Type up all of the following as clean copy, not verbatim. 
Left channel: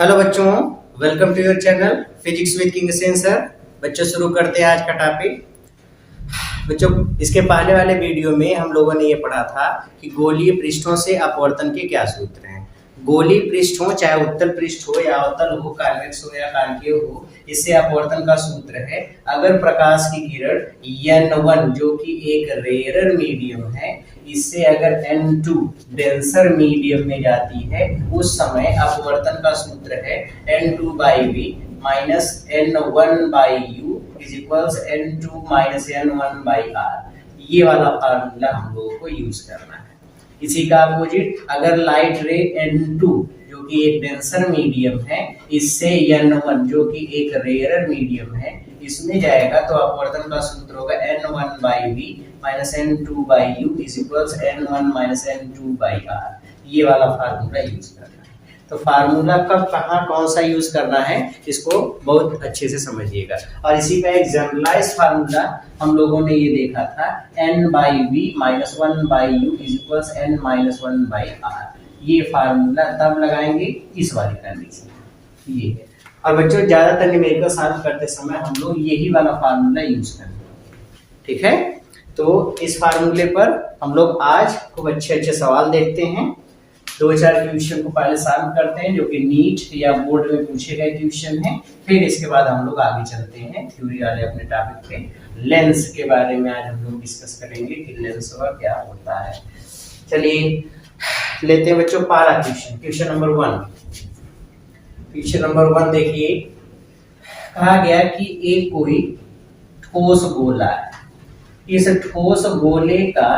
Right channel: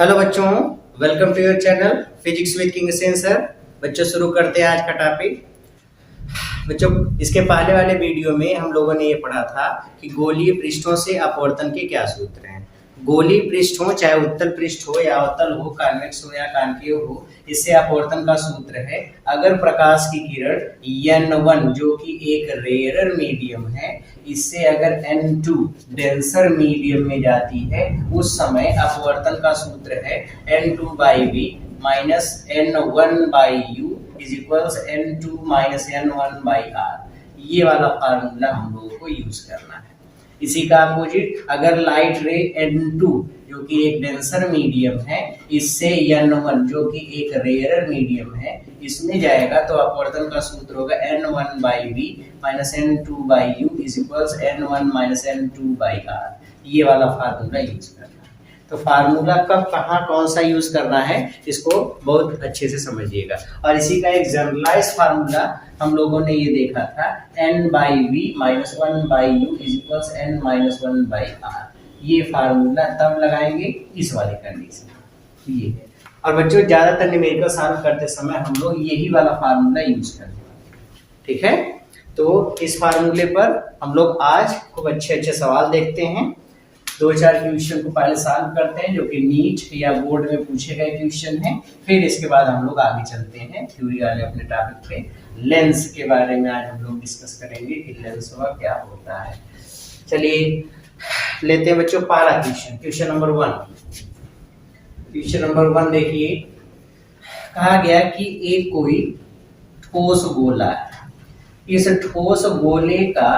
Hello बच्चों, welcome to your channel physics with king sensor. बच्चों शुरू करते हैं आज का टॉपिक। बच्चों इसके पहले वाले वीडियो में हम लोगों ने ये पढ़ा था कि गोलीय पृष्ठों से अपवर्तन के क्या सूत्र हैं। गोलीय पृष्ठ हो, चाहे उत्तल पृष्ठ हो या अवतल हो, कॉन्वेक्स हो या कॉन्केव हो, इससे अपवर्तन का सूत्र है अगर प्रकाश की किरण n1 जो कि एक रेयरर मीडियम है, इससे अगर n2 डेंसर मीडियम में जाती है, उस समय अपवर्तन का सूत्र है n2/v minus n1/u is equals n2 minus n1/r। ये वाला फार्मूला हम लोगों को यूज करना है। इसी का अपोजिट, अगर लाइट रे n2 जो कि एक डेंसर मीडियम है, इससे n1 जो कि एक रेयरर मीडियम है, इसमें जाएगा तो अपवर्तन का सूत्र होगा n1/v minus n2/u is equals n1 minus n2/r। ये वाला फार्मूला यूज करना है। तो फार्मूला कब कहाँ कौन सा यूज करना है, इसको बहुत अच्छे से समझिएगा। और इसी का एक जनरलाइज फार्मूला हम लोगों ने ये देखा था, n/v minus 1/u is equals n minus 1/r। ये फार्मूला तब लगाएंगे इस वाली कंडीशन ये है। और बच्चों ज्यादातर न्यूमेरिकल सॉल्व करते समय हम लोग यही वाला फार्मूला यूज करेंगे, ठीक है। तो इस फार्मूले पर हम लोग आज खूब अच्छे अच्छे सवाल देखते हैं। दो चार क्वेश्चन को पहले सॉल्व करते हैं जो कि नीट या बोर्ड में पूछे गए क्वेश्चन हैं। फिर इसके बाद हम लोग आगे चलते हैं थ्योरी वाले अपने टॉपिक पे। लेंस के बारे में आज हम लोग डिस्कस करेंगे कि लेंस का क्या होता है। चलिए लेते हैं बच्चों पहला question, question number 1। Question number 1 देखिए, कहा गया कि एक कोई ठोस गोला है। इस ठोस गोले का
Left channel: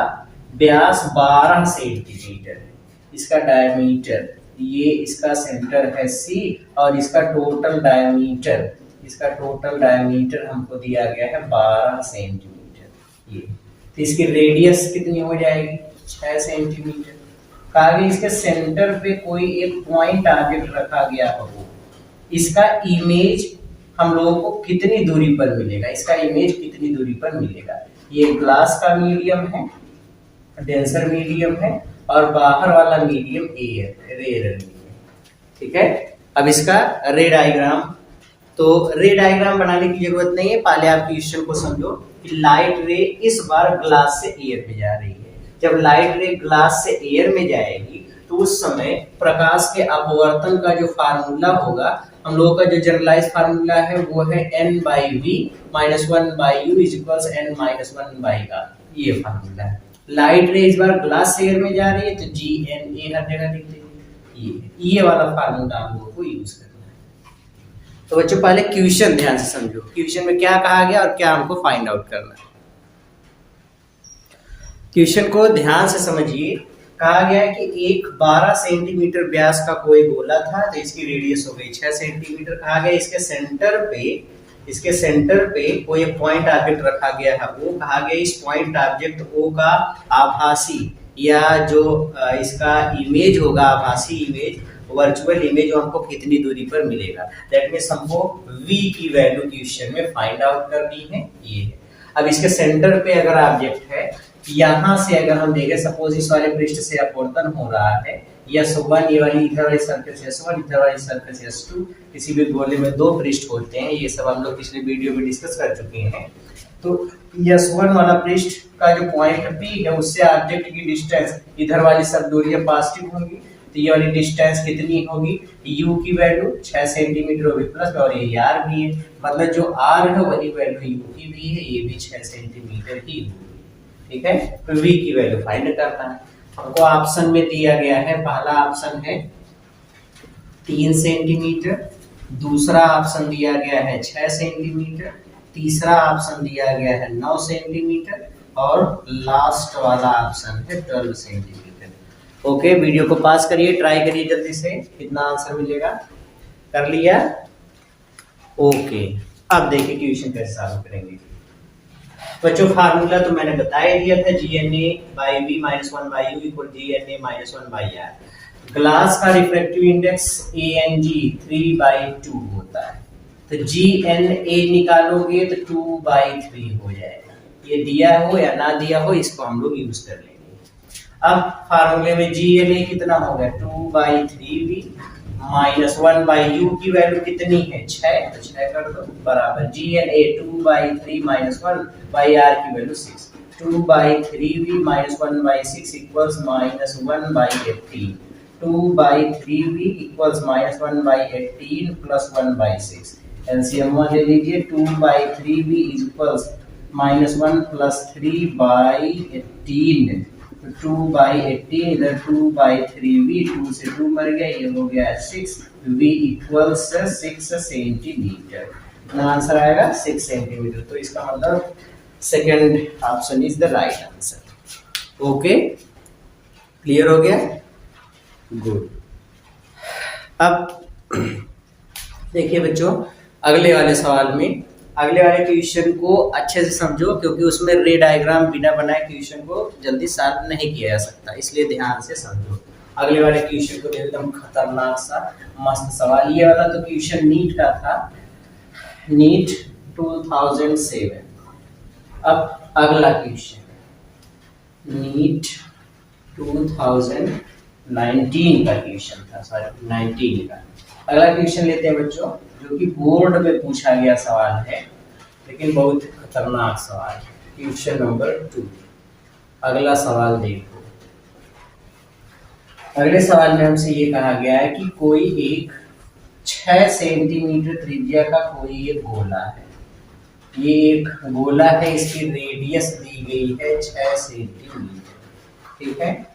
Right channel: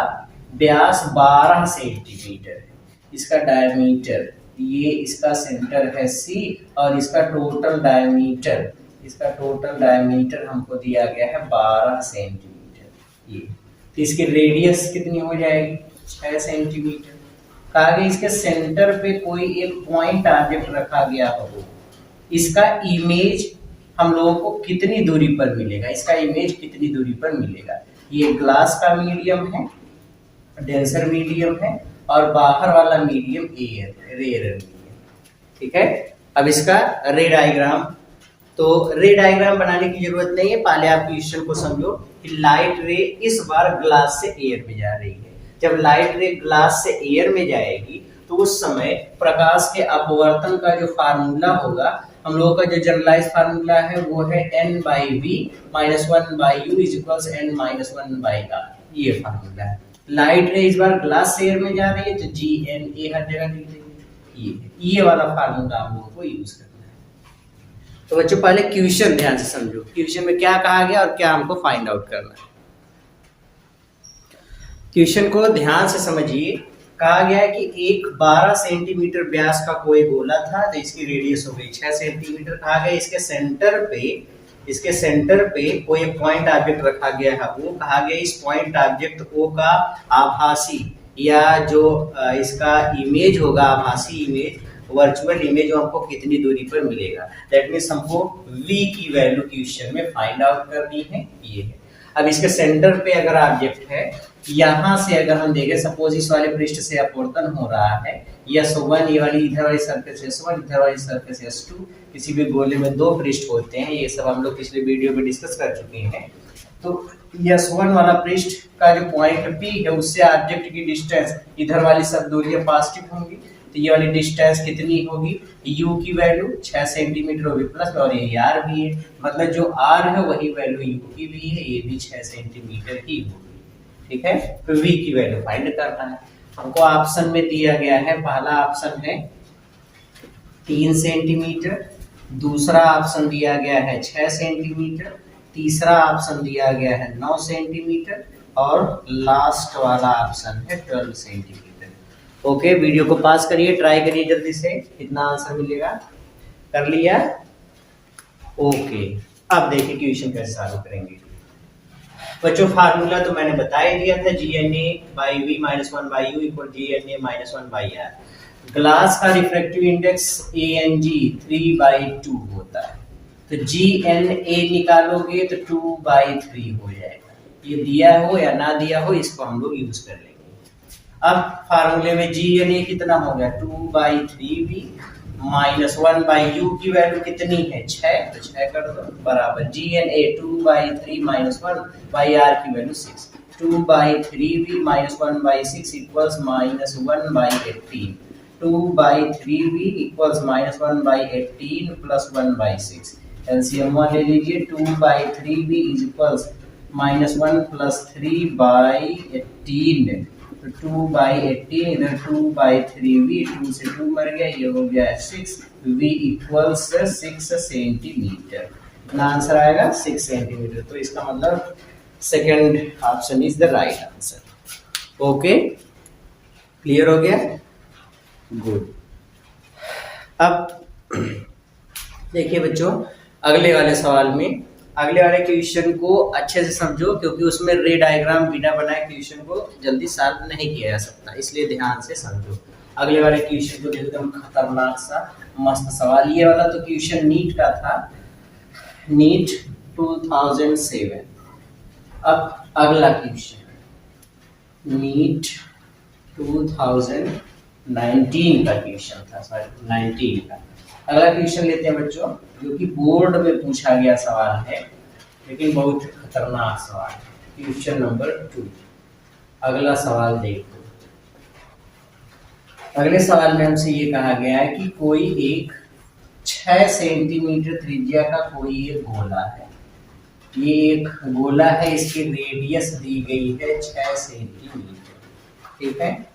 व्यास 12 सेंटीमीटर है, इसका डायमीटर, ये इसका सेंटर है C और इसका टोटल डायमीटर हमको दिया गया है 12 सेंटीमीटर। ये तो इसकी रेडियस कितनी हो जाएगी, 6 सेंटीमीटर। कहा गया इसके सेंटर पे कोई एक पॉइंट ऑब्जेक्ट रखा गया हो, इसका इमेज हम लोगों को कितनी दूरी पर मिलेगा, इसका इमेज कितनी दूरी पर मिलेगा। ये ग्लास का मीडियम है, डेंसर मीडियम है, और बाहर वाला मीडियम एयर, रेयर मीडियम, ठीक है। अब इसका रे डायग्राम, तो रे डायग्राम बनाने की जरूरत नहीं है, पहले आप क्वेश्चन को समझो कि लाइट रे इस बार ग्लास से एयर में जा रही है। जब लाइट रे ग्लास से एयर में जाएगी तो उस समय प्रकाश के अपवर्तन का जो फार्मूला होगा, हम लोगों का जो जनरलाइज फार्मूला है वो है n/v minus 1/u is equals n minus 1/r। ये फार्मूला है। लाइट रे इस बार ग्लास से एयर में जा रही है तो GNA हर जगह लिख देंगे। ये वाला फार्मूला हम लोगों को यूज करना है। तो बच्चों पहले क्वेश्चन ध्यान से समझो, क्वेश्चन में क्या कहा गया और क्या हमको फाइंड आउट करना है। क्वेश्चन को ध्यान से समझिए। कहा गया कि एक 12 सेंटीमीटर व्यास का कोई गोला था, तो इसकी रेडियस हो गई 6 सेंटीमीटर। कहा गया इसके सेंटर पे कोई पॉइंट ऑब्जेक्ट रखा गया है, वो कहा गया इस पॉइंट ऑब्जेक्ट O का आभासी या जो इसका इमेज होगा, आभासी इमेज, वर्चुअल इमेज, हमको कितनी दूरी पर मिलेगा। दैट मींस हमको V की वैल्यू क्वेश्चन में फाइंड आउट करनी है। ये अब इसके सेंटर पे अगर ऑब्जेक्ट है, यहाँ से अगर हम देखें, सपोज इस वाले पृष्ठ से अपवर्तन हो रहा है, S1, ये वाली इधर वाली सरफेस S1, इधर वाली सरफेस S2। किसी भी गोले में दो पृष्ठ होते हैं, ये सब हम लोग पिछले वीडियो में डिस्कस कर चुके हैं। तो S1 वाला पृष्ठ का जो पॉइंट P है, उससे ऑब्जेक्ट की डिस्टेंस, इधर वाली सब दूरियां पॉजिटिव होंगी, तो ये वाली डिस्टेंस कितनी होगी, U की वैल्यू 6 सेंटीमीटर होगी प्लस, और ये R भी है, मतलब जो R है वही वैल्यू U की भी है, ये भी 6 सेंटीमीटर ही होगी, ठीक है। तो V की वैल्यू फाइंड करना है। हमको ऑप्शन में दिया गया है, पहला ऑप्शन है 3 सेंटीमीटर, दूसरा ऑप्शन दिया गया है 6 सेंटीमीटर, तीसरा ऑप्शन दिया गया है 9 सेंटीमीटर, और लास्ट वाला ऑप्शन है 12 सेंटीमीटर। ओके, वीडियो को पास करिए, ट्राई करिए जल्दी से, कितना आंसर मिलेगा। कर लिया? ओके, अब देखिए क्वेश्चन कैसे सॉल्व करेंगे। बच्चों फार्मूला तो मैंने बता ही दिया था, GNA/v minus 1/u equal GNA minus 1/r। Glass का रिफ्रैक्टिव इंडेक्स ANG 3/2 होता है, तो GNA निकालोगे तो 2/3 हो जाएगा। ये दिया हो या ना दिया हो, इसको हम लोग यूज कर लेंगे। अब फार्मूले में GNA कितना हो गया, 2/3v -1/u की वैल्यू कितनी है 6, तो 6 कर दो बराबर GNA 2/3 -1/r की value 6, 2/3v -1/6 equals -1/18, 2/3v equals -1/18 plus 1/6। LCM ले लीजिए, 2/3v इज इक्वल्स -1 प्लस 3/18, तो 2/18 इधर 2/3v, 2 से 2 मर गया, ये हो गया 6, v इक्वल्स 6 सेंटीमीटर। इतना आंसर आएगा 6 सेंटीमीटर। तो इसका मतलब second option is the right answer. Okay, clear हो गया, गुड। अब देखिए बच्चों, अगले वाले सवाल में, अगले वाले क्वेश्चन को अच्छे से समझो, क्योंकि उसमें रे डायग्राम बिना बनाए क्वेश्चन को जल्दी सॉल्व नहीं किया जा सकता, इसलिए ध्यान से समझो। अगले वाले क्वेश्चन को एकदम खतरनाक सा मस्त सवाल, ये वाला तो क्वेश्चन नीट का था, नीट 2007। अब अगला क्वेश्चन नीट 2019 का क्वेश्चन था, सॉरी 19 का। अगला क्वेश्चन लेते हैं बच्चों, जो कि बोर्ड में पूछा गया सवाल है, लेकिन बहुत खतरनाक सवाल है। क्वेश्चन नंबर 2, अगला सवाल देखो। अगले सवाल में हमसे ये कहा गया है कि कोई एक 6 सेंटीमीटर त्रिज्या का कोई एक गोला है, ये एक गोला है, इसकी रेडियस दी गई है 6 सेंटीमीटर, ठीक है।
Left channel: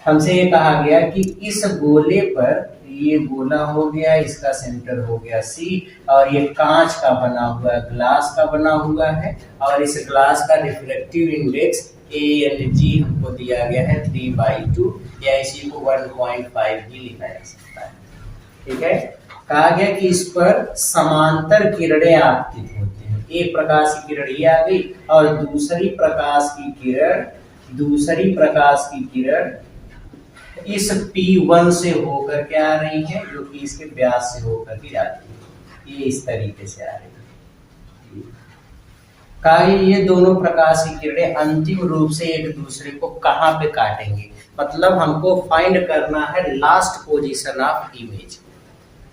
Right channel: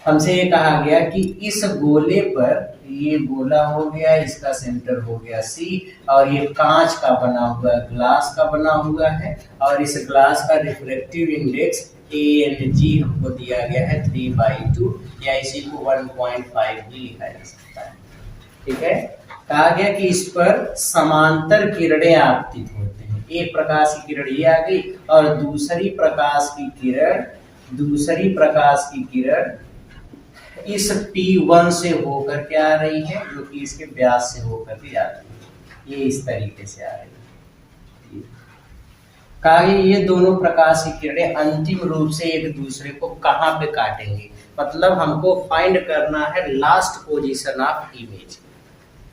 हमसे ये कहा गया कि इस गोले पर, ये गोला हो गया, इसका सेंटर हो गया C, और ये कांच का बना हुआ है, ग्लास का बना हुआ है, और इस ग्लास का रिफ्लेक्टिव इंडेक्स ANG हमको दिया गया है 3/2, या इसी को 1.5 भी लिखा जा सकता है, ठीक है। कहा गया कि इस पर समांतर किरणें आपतित होती हैं, एक प्रकाश की किरण ये आ गई, और दूसरी प्रकाश की किरण इस P1 से होकर के आ रही है, जो कि इसके व्यास से होकर के जाती है, ये इस तरीके से आ रही है। कहा ये दोनों प्रकाश की किरणें अंतिम रूप से एक दूसरे को कहां पे काटेंगे, मतलब हमको फाइंड करना है last position of image.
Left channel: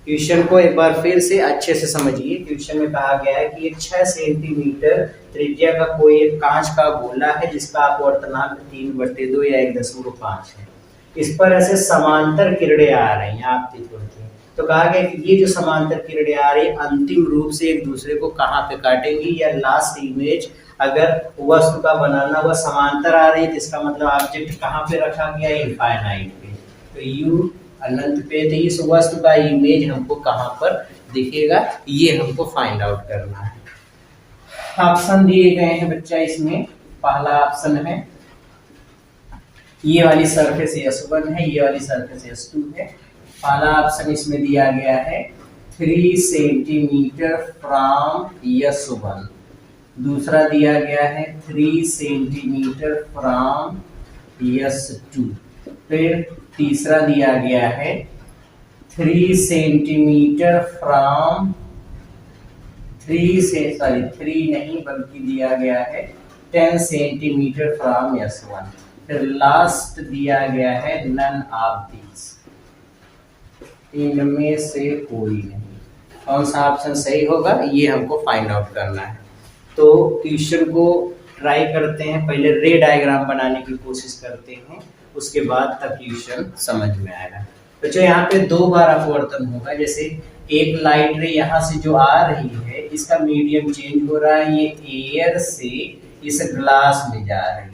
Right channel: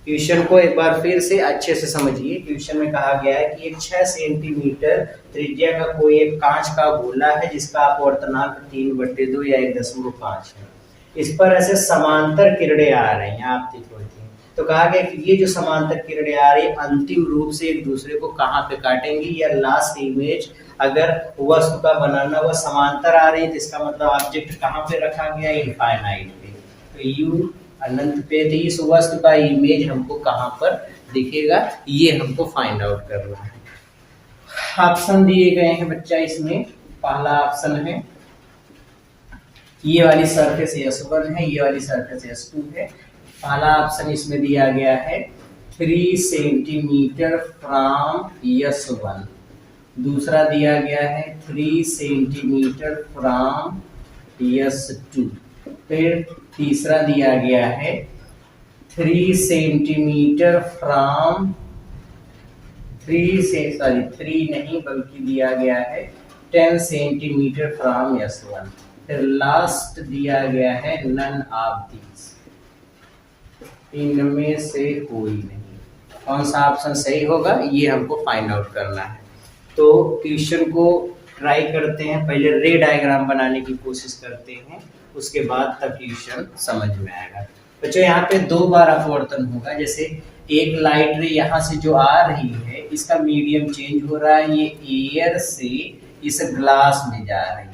Question को एक बार फिर से अच्छे से समझिए। क्वेश्चन में कहा गया है कि एक 6 सेंटीमीटर त्रिज्या का कोई एक कांच का गोला है, जिसका अपवर्तनांक 3/2 या 1.5 है। इस पर ऐसे समांतर किरणें आ रही हैं, आपतित होती हैं। तो कहा गया कि ये जो समांतर किरणें आ रही है अंतिम रूप से एक दूसरे को कहाँ पे काटेंगी, या लास्ट इमेज अगर वस्तु का बनाना हुआ समांतर आ रही है, तो इसका मतलब ऑब्जेक्ट कहाँ पे रखा गया, इनफाइनाइट पे, तो यू अनंत पे, तो इस वस्तु का इमेज हमको कहाँ पर दिखेगा, ये हमको फाइंड आउट करना है। ऑप्शन दिए गए हैं बच्चा इसमें। पहला ऑप्शन है ये वाली सरफेस S1 है, ये वाली सरफेस S2 है। पहला ऑप्शन इसमें दिया गया है 3 सेंटीमीटर फ्रॉम S1, दूसरा दिया गया है 3 सेंटीमीटर फ्रॉम S2, फिर तीसरा दिया गया है 3 सेंटीमीटर फ्रॉम 3 नहीं बल्कि दिया गया है 10 सेंटीमीटर फ्रॉम S1, फिर लास्ट दिया गया है नन ऑफ दीज, इनमें से कोई नहीं। कौन सा ऑप्शन सही होगा, ये हमको फाइंड आउट करना है। तो क्वेश्चन को ट्राई करते हैं, पहले रे डायग्राम बनाने की कोशिश करते हैं, उसके बाद तक क्वेश्चन समझ में आएगा। बच्चों यहाँ पे 2 बार अपवर्तन होगा, जैसे एक लाइट रे यहाँ से जो आ रही है, इसका मीडियम चेंज हो रहा है, ये एयर से इस ग्लास में जा रही है।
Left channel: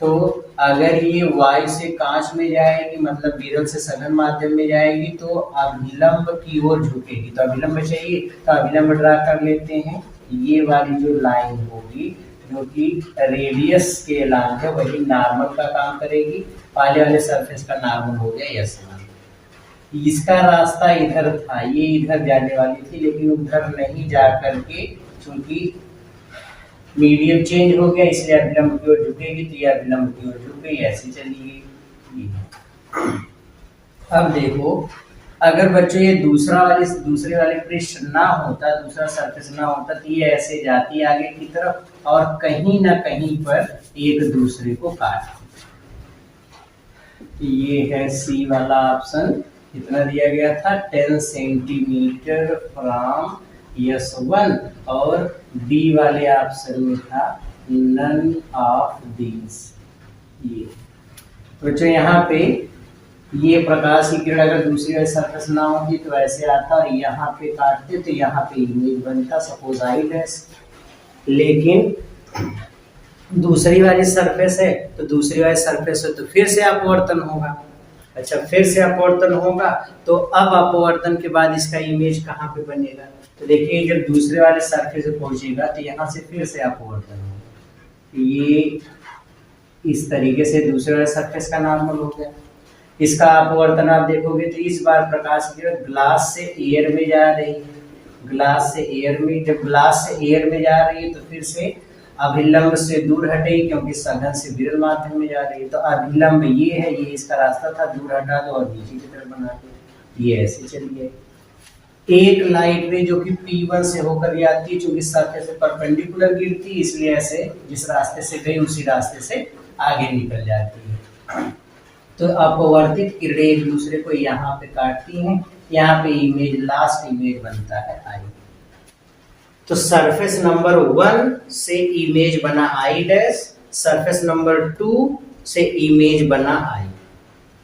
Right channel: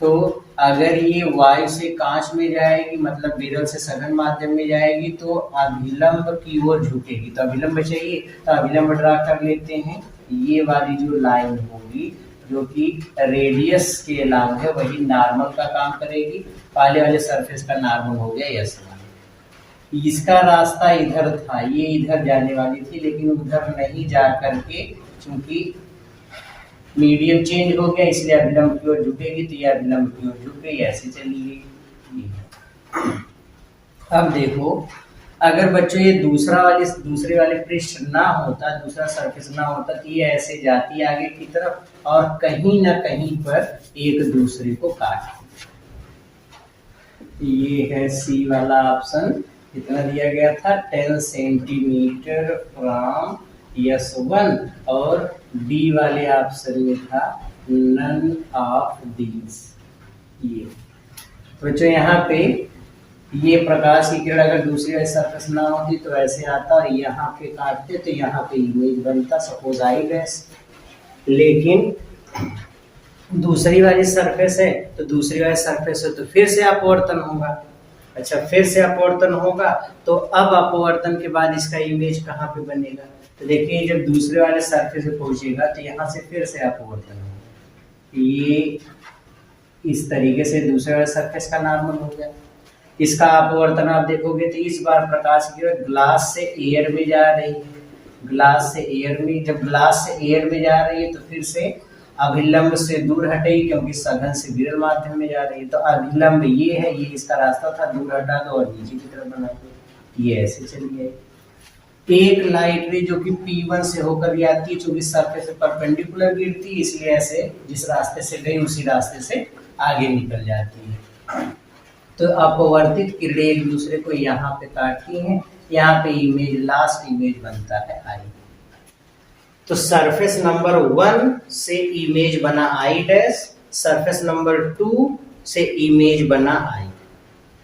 तो अगर ये वायु से कांच में जाएगी, मतलब विरल से सघन माध्यम में जाएगी, तो अभिलंब की ओर झुकेगी। तो अभिलंब चाहिए, तो अभिलंब ड्रा कर लेते हैं। ये वाली जो लाइन होगी, जो कि रेडियस के अलावा है, वही नॉर्मल का काम करेगी। पहले वाले सरफेस का नॉर्मल हो गया S1। इसका रास्ता इधर था, ये इधर जाने वाली थी, लेकिन उधर नहीं जा करके चूंकि मीडियम चेंज हो गया, इसलिए अभिलंब की ओर झुकेगी, तो ये अभिलंब की ओर झुक गई, ऐसे चली गई। अब देखो, अगर बच्चे ये दूसरे वाले पृष्ठ ना होता, दूसरा सरफेस ना होता, तो ये ऐसे जाती आगे की तरफ, और कहीं ना कहीं पर एक दूसरे को काट। ये है सी वाला ऑप्शन, कितना दिया गया था 10 सेंटीमीटर फ्रॉम S1 और डी वाले ऑप्शन में था नन ऑफ दीज। ये तो जो यहाँ पे ये प्रकाश की किरण अगर दूसरी वाली सरफेस ना होती तो ऐसे आता और यहाँ पे काटते तो यहाँ पे इमेज बनता सपोज आई डैश। लेकिन दूसरी वाली सरफेस है तो दूसरी वाली सरफेस है तो फिर से अपवर्तन होगा। अच्छा, फिर से अपवर्तन होगा तो अब अपवर्तन के बाद इसका इमेज कहाँ पे बनेगा? तो देखिए जब दूसरे वाले सरफेस पे पहुंचेगा तो यहाँ से फिर से अपवर्तन होगा। ये इस तरीके से दूसरे वाले सरफेस का नॉर्मल हो गया। इसका अपवर्तन आप देखोगे तो इस बार प्रकाश की किरण ग्लास से एयर में जा रही है, ग्लास से एयर में। जब ग्लास से एयर में जा रही है तो फिर से अभिलंब से दूर हटेगी क्योंकि सघन से विरल माध्यम में जा रही है। तो अभिलंब ये है, ये इसका रास्ता था, दूर हटा दो और नीचे की तरफ बना दो। ये ऐसे चलिए एक लाइट रे जो कि P1 से होकर जाती है, चूंकि सरफेस से परपेंडिकुलर गिरती है इसलिए ऐसे जिस रास्ते से गई उसी रास्ते से आगे निकल जाती है। तो अपवर्तित किरणें एक दूसरे को यहाँ पे काटती हैं, यहाँ पे इमेज लास्ट इमेज बनता है आई। तो सरफेस नंबर 1 से इमेज बना आई डैश, सरफेस नंबर 2 से इमेज बना आई।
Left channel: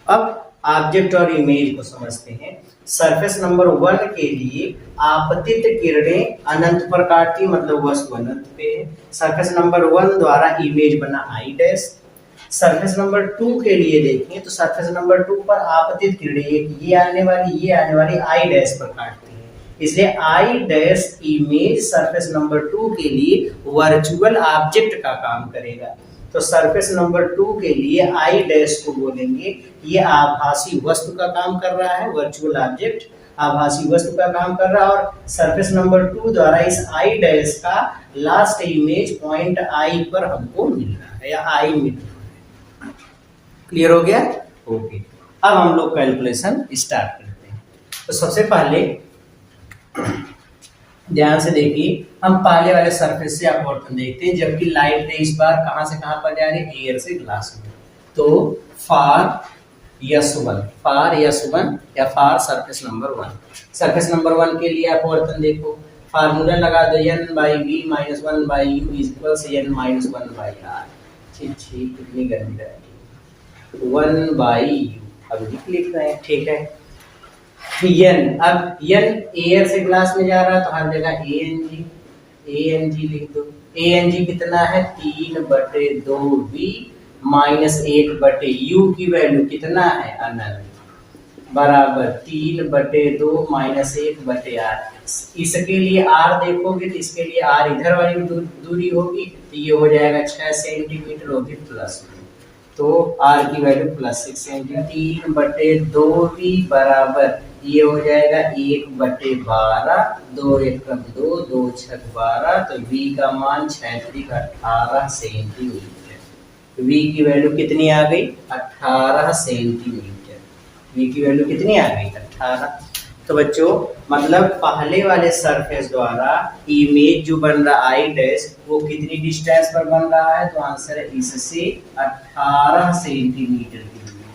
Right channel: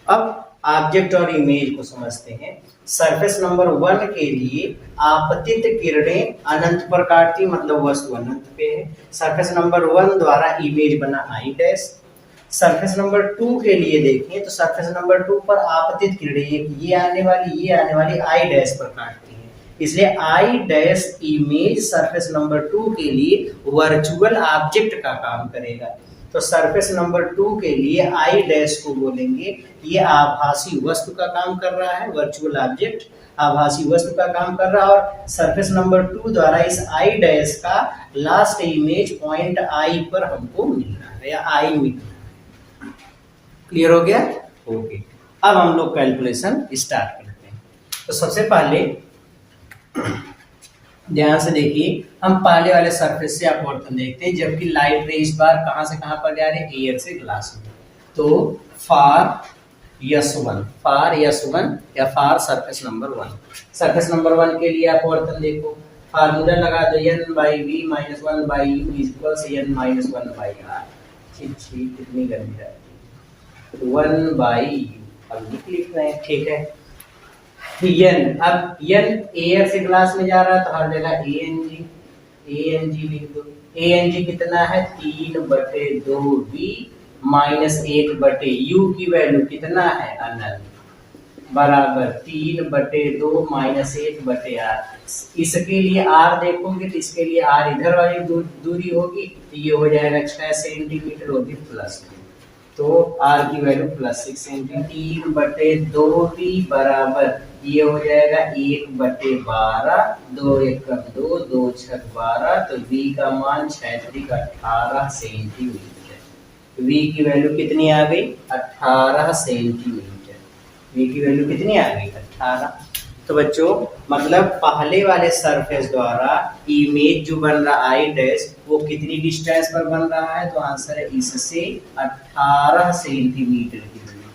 अब ऑब्जेक्ट और इमेज को समझते हैं। सरफेस नंबर 1 के लिए आपतित किरणें अनंत पर काटती मतलब वस्तु अनंत पे है। सरफेस नंबर 1 द्वारा इमेज बना आई डैश। सरफेस नंबर 2 के लिए देखें तो सरफेस नंबर 2 पर आपतित किरणें एक ये आने वाली आई डैश पर काटती है, इसलिए I dash image surface number 2 के लिए वर्चुअल ऑब्जेक्ट का काम करेगा। तो सरफेस नंबर 2 के लिए आई डैश को बोलेंगे ये आभासी वस्तु का काम कर रहा है, वर्चुअल ऑब्जेक्ट आभासी वस्तु का काम कर रहा है। और सरफेस नंबर 2 द्वारा इस आई डैश का लास्ट इमेज पॉइंट आई पर हमको मिल रहा है या आई मिल रहा है। क्लियर हो गया? ओके, अब हम लोग कैलकुलेशन स्टार्ट करते हैं। तो सबसे पहले ध्यान से देखिए, हम पहले वाले सरफेस से अपवर्तन देखते हैं, जबकि लाइट रे इस बार कहां से कहां पर जा रही है? एयर से ग्लास में। तो फॉर S1 या for surface number 1, surface number 1 के लिए अपवर्तन देखो, फार्मूला लगा दो n/v - 1/u = n-1/r। ठीक, कितनी गर्मी रहती है 1/u। अब लिख रहे हैं, ठीक है। n, अब n एयर से ग्लास में जा रहा है तो हर जगह Ang लिख दो। Ang कितना है 3/2v - 1/u की वैल्यू कितना है अनंत बराबर 3/2 - 1/r। इसके लिए r देखोगे तो इसके लिए r इधर वाली दूरी होगी तो ये हो जाएगा 6 सेंटीमीटर होगी प्लस, तो r की वैल्यू +6 सेंटीमीटर। 3/2v बराबर ये हो जाएगा 1/12, 2 1 2, 2 6 12, तो v का मान 6 18 सेंटीमीटर। v की वैल्यू कितनी आ गई 18 सेंटीमीटर। v की वैल्यू कितनी आ गई 18। तो बच्चों मतलब पहले वाले सरफेस द्वारा इमेज जो बन रहा आई डैश वो कितनी डिस्टेंस पर बन रहा है? तो आंसर है इससे 18 सेंटीमीटर की दूरी।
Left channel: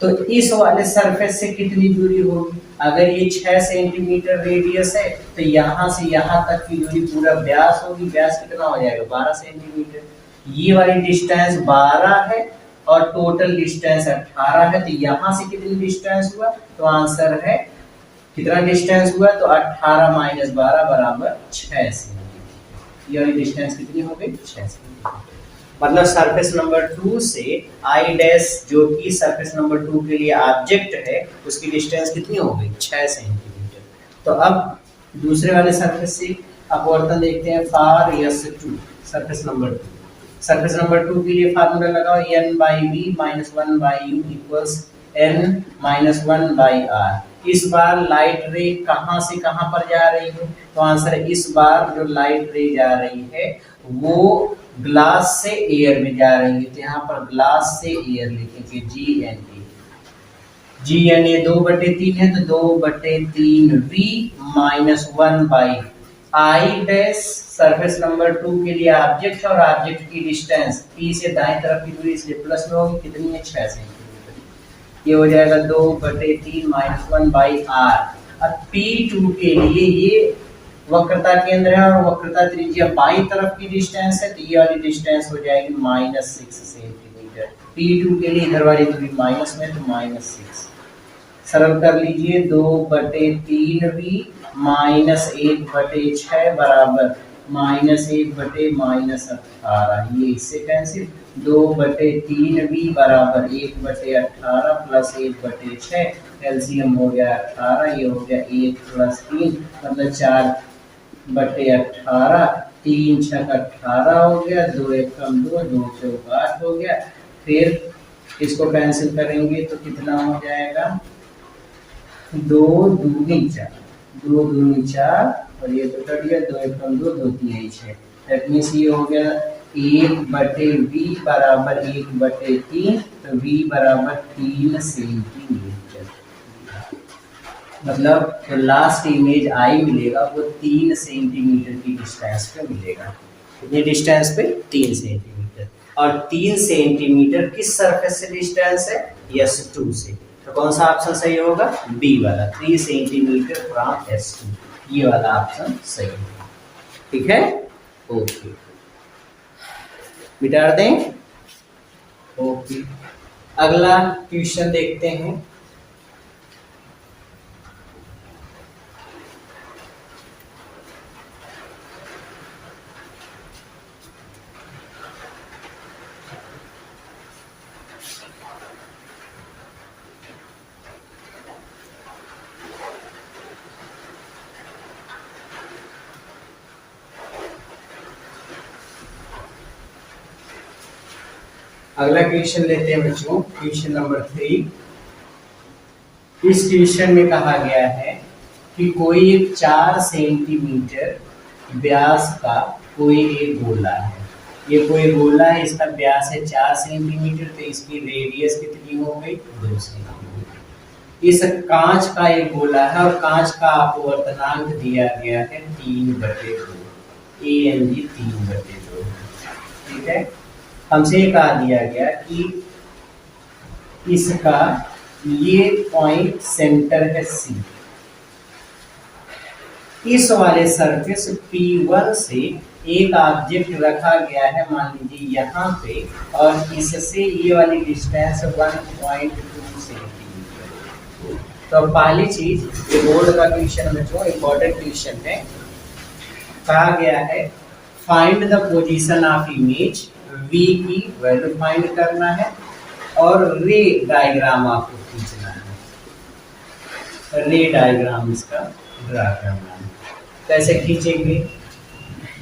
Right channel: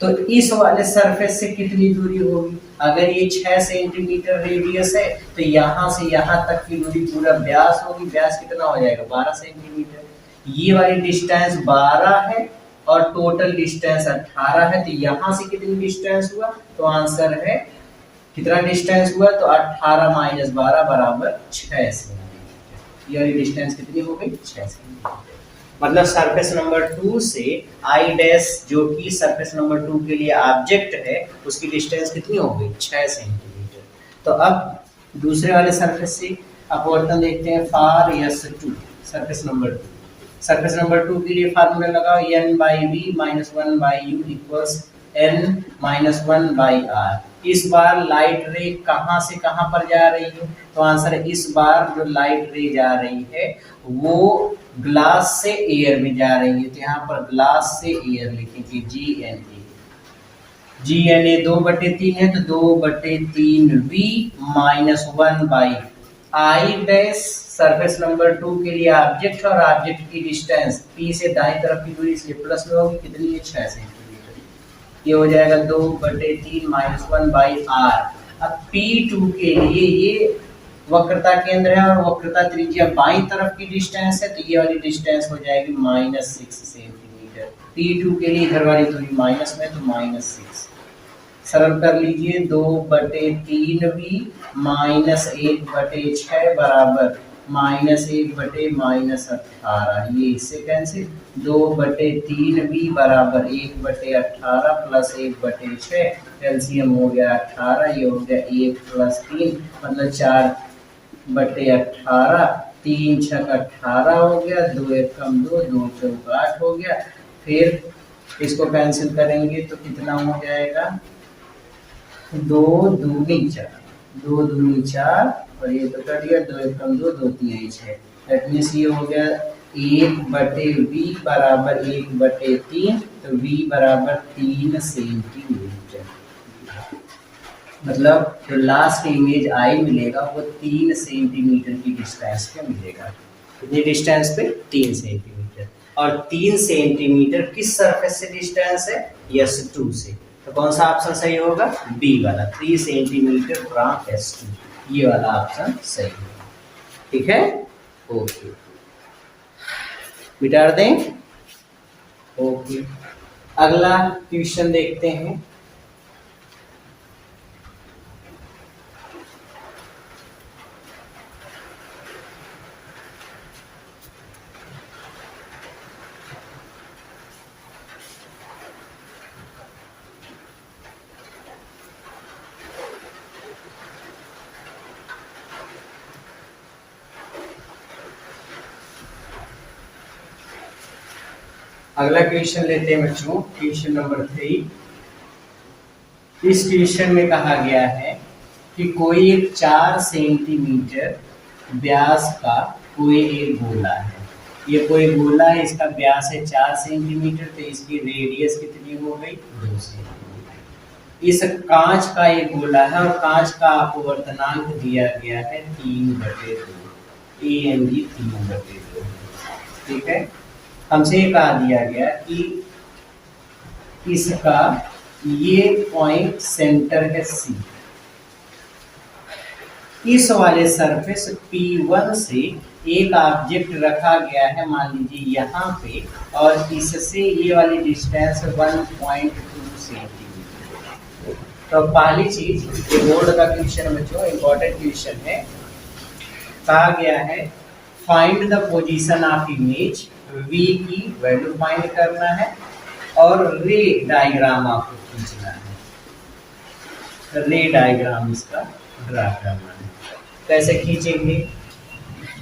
तो इस वाले सरफेस से कितनी दूरी होगी? अगर ये 6 सेंटीमीटर रेडियस है तो यहाँ से यहाँ तक की दूरी पूरा व्यास होगी। व्यास कितना हो जाएगा 12 सेंटीमीटर। ये वाली डिस्टेंस 12 है और टोटल डिस्टेंस 18 है, तो यहाँ से कितनी डिस्टेंस हुआ? तो आंसर है कितना डिस्टेंस हुआ? तो 18 - 12 बराबर 6 सेंटीमीटर। ये वाली डिस्टेंस कितनी हो गई 6 सेंटीमीटर। मतलब सरफेस नंबर 2 से आई डैश जो कि सरफेस नंबर 2 के लिए ऑब्जेक्ट है उसकी डिस्टेंस कितनी हो गई 6 सेंटीमीटर। तो अब दूसरे वाले सरफेस से अपवर्तन देखते हैं for S2 surface number 2। Surface number 2 के लिए फार्मूला लगाओ n/v - 1/u = n-1/r। इस बार लाइट रे कहां से कहां पर जा रही है? तो आंसर है इस बार जो लाइट रे जा रही है वो ग्लास से एयर में जा रही है, तो यहाँ पर ग्लास से एयर लिख लीजिए GNA 2/3 है तो 2/3v - 1/i dash surface number 2 के लिए ऑब्जेक्ट और ऑब्जेक्ट की डिस्टेंस P से दाएं तरफ की दूरी से प्लस में होगी, कितनी है 6 सेंटीमीटर। ये हो जाएगा 2/3 -1/r। अब P2 के लिए ये वक्रता केंद्र है और वक्रता त्रिज्या बाईं तरफ की डिस्टेंस है, तो ये वाली डिस्टेंस हो जाएगी -6 सेंटीमीटर। P2 के लिए इधर वाली दूरी माइनस में, तो -6। सरल कर लीजिए, 2/3v -1/6 बराबर -1/-18। ये इससे कैंसिल, 2/3v बराबर 1/18 प्लस 1/6, एलसीएम हो गया 18, ये हो गया 1 + 3 मतलब 4/18, 3 × 6 18 हो गया, 2 1 कम 2, 2 4 8 हो गया। फिर इसको कैंसिल करेंगे तो कितना हो जाएगा, 2 दूनी 4, 2 दूनी 4 और ये तो कट गया, 2 1 कम 2, 2 3 6। दैट मीन्स ये हो गया 1/v बराबर 1/3, तो v बराबर 3 सेंटीमीटर। मतलब जो लास्ट इमेज आई मिलेगा वो 3 सेंटीमीटर की डिस्टेंस पे मिलेगा। ये डिस्टेंस पे 3 सेंटीमीटर, और 3 सेंटीमीटर किस सरफेस से डिस्टेंस है, S2 से। तो कौन सा ऑप्शन सही होगा, बी वाला, 3 सेंटीमीटर फ्रॉम S2, ये वाला ऑप्शन सही है। ठीक है, ओके, मिटा दें। ओके, अगला क्वेश्चन देखते हैं। अगला क्वेश्चन लेते हैं बच्चों, क्वेश्चन नंबर 3। इस क्वेश्चन में कहा गया है कि कोई एक 4 सेंटीमीटर व्यास का कोई एक गोला है। ये कोई गोला है, इसका व्यास है 4 सेंटीमीटर, तो इसकी रेडियस कितनी हो गई, 2 सेंटीमीटर। इस कांच का एक गोला है और कांच का अपवर्तनांक दिया गया है 3/2, ANG 3/2। ठीक है, हमसे ये कहा दिया गया कि इसका ये पॉइंट सेंटर है C। इस वाले सरफेस P1 से एक ऑब्जेक्ट रखा गया है, मान लीजिए यहाँ पे, और इससे ये वाली डिस्टेंस 1.2 सेंटीमीटर। तो पहली चीज, बोर्ड का क्वेश्चन बच्चों इंपॉर्टेंट क्वेश्चन है। कहा गया है find the position of image, V की वैल्यू फाइंड करना है और रे डायग्राम आपको खींचना है। रे डायग्राम इसका ड्रा करना है। कैसे खींचेंगे,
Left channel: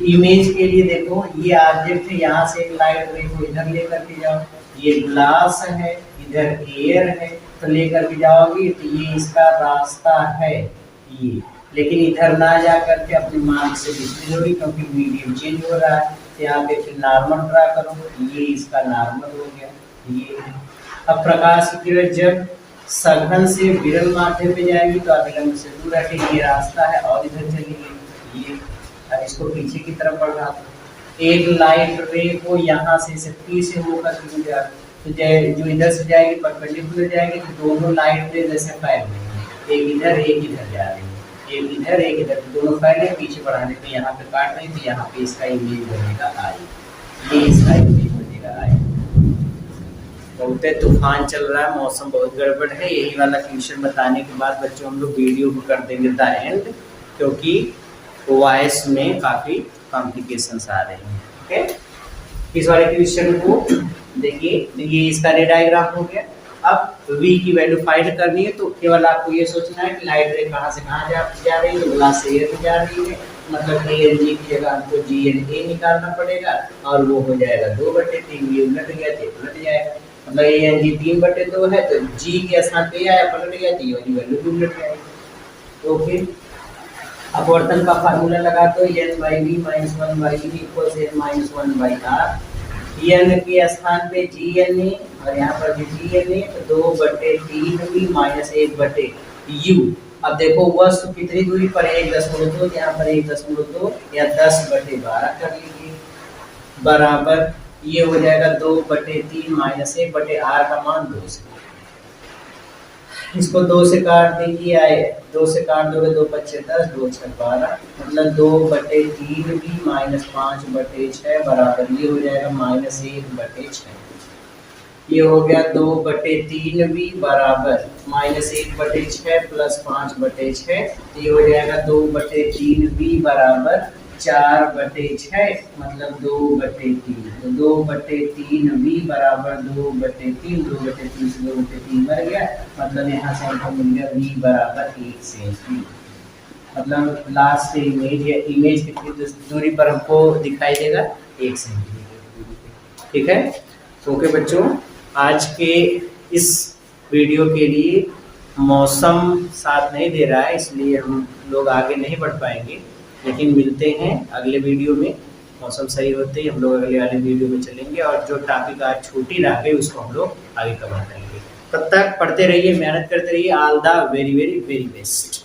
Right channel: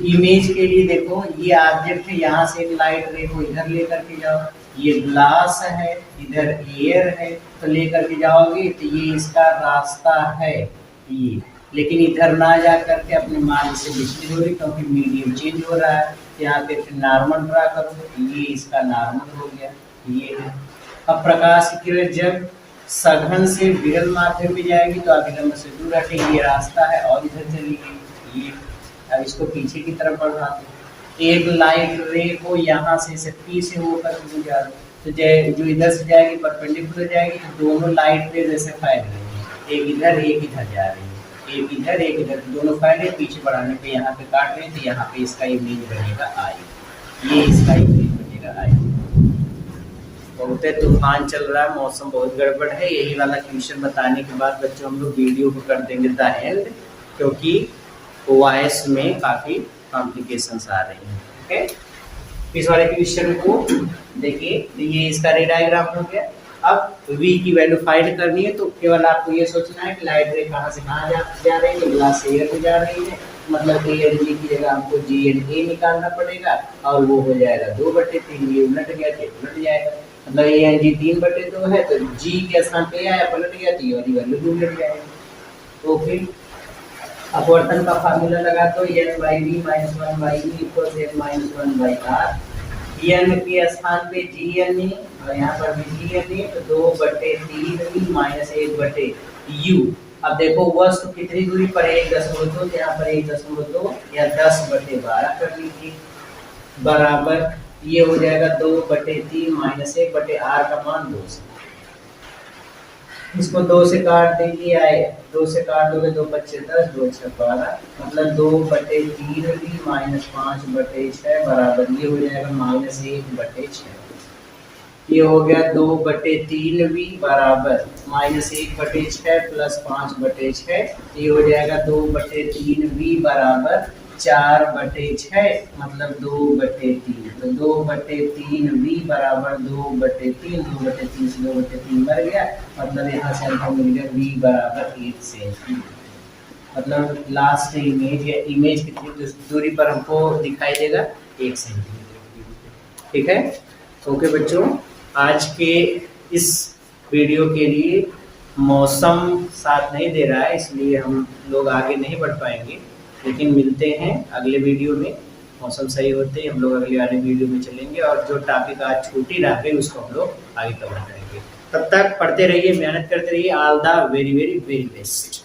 इमेज के लिए देखो ये ऑब्जेक्ट है, यहाँ से एक लाइट रे को इधर लेकर के जाओ, ये ग्लास है, इधर एयर है, तो लेकर के जाओगे तो ये इसका रास्ता है ये, लेकिन इधर ना जा करके अपने मार्ग से विचलित होगी क्योंकि मीडियम चेंज हो रहा है। यहाँ पे फिर नॉर्मल ड्रा करो, ये इसका नॉर्मल हो गया, ये है। अब प्रकाश की किरण जब सघन से विरल माध्यम में जाएगी तो अभिलंब से दूर हटेगी, ये रास्ता है और इधर चली गई ये। अब इसको पीछे की तरफ बढ़ा दो, एक लाइट रे को यहाँ से P से होकर गुजरा, तो जो इधर से जाएगी परपेंडिकुलर जाएगी, तो दोनों लाइट रे जैसे फैल रही है, एक इधर जा रही है, एक इधर, दोनों फैले, पीछे बढ़ाने पे यहाँ पे काट रहे, तो यहाँ पे इसका इमेज बनेगा आई, ये इसका इमेज बनेगा आई। बहुत तूफान चल रहा है, मौसम बहुत गड़बड़ है। यही वाला क्वेश्चन बताने के बाद बच्चों हम लोग वीडियो को कर देंगे द एंड, क्योंकि OIS में काफी कॉम्प्लिकेशंस आ रही हैं। ओके, इस वाले क्वेश्चन को देखिए, ये इसका रे डायग्राम हो गया। अब V की वैल्यू फाइंड करनी है, तो केवल आपको ये सोचना है कि लाइट रे कहाँ से कहाँ जा रही है, ग्लास से एयर में जा रही है, मतलब ANG की जगह हमको GNA निकालना पड़ेगा, और वो हो जाएगा 2/3, ये उलट गया तो उलट जाएगा, मतलब ANG 3/2 है, तो G के स्थान पे आया पलट गया तो ये वाली वैल्यू भी उलट जाएगा। ओके, अपवर्तन का फार्मूला लगा तो n/v - 1/e = n - 1/r, n के स्थान पे GNA और यहाँ पर भी GNA, तो 2/3v - 1/u। अब देखो वस्तु कितनी दूरी पर 1.2, यहाँ पर 1.2 या 10/12 कर लीजिए, बराबर ये हो जाएगा 2/3 - 1/r का मान 2 से। इसको 2 से काट देंगे, आए 2 से काट दोगे 2 पच्चे 10, 2 छः 12, मतलब 2/3 भी -5/6 बराबर ये हो जाएगा -1/6। ये हो गया 2/3 भी बराबर -1/6 प्लस 5/6, ये हो जाएगा 2/3 भी बराबर 4/6, मतलब 2/3। तो 2/3 भी बराबर 2/3, 2/3 से 2/3 बढ़ गया, मतलब यहाँ से हमको मिल गया v बराबर 1 सेंटीमीटर। मतलब लास्ट इमेज या इमेज कितनी दूरी पर हमको दिखाई देगा, 1 सेंटीमीटर। ठीक है, ओके बच्चों, आज के इस वीडियो के लिए मौसम साथ नहीं दे रहा है, इसलिए हम लोग आगे नहीं बढ़ पाएंगे, लेकिन मिलते हैं अगले वीडियो में। मौसम सही होते ही हम लोग अगले वाले वीडियो में चलेंगे और जो टॉपिक आज छूटी रह गई उसको हम लोग आगे कवर करेंगे। तब तक पढ़ते रहिए, मेहनत करते रहिए। All the very very very best.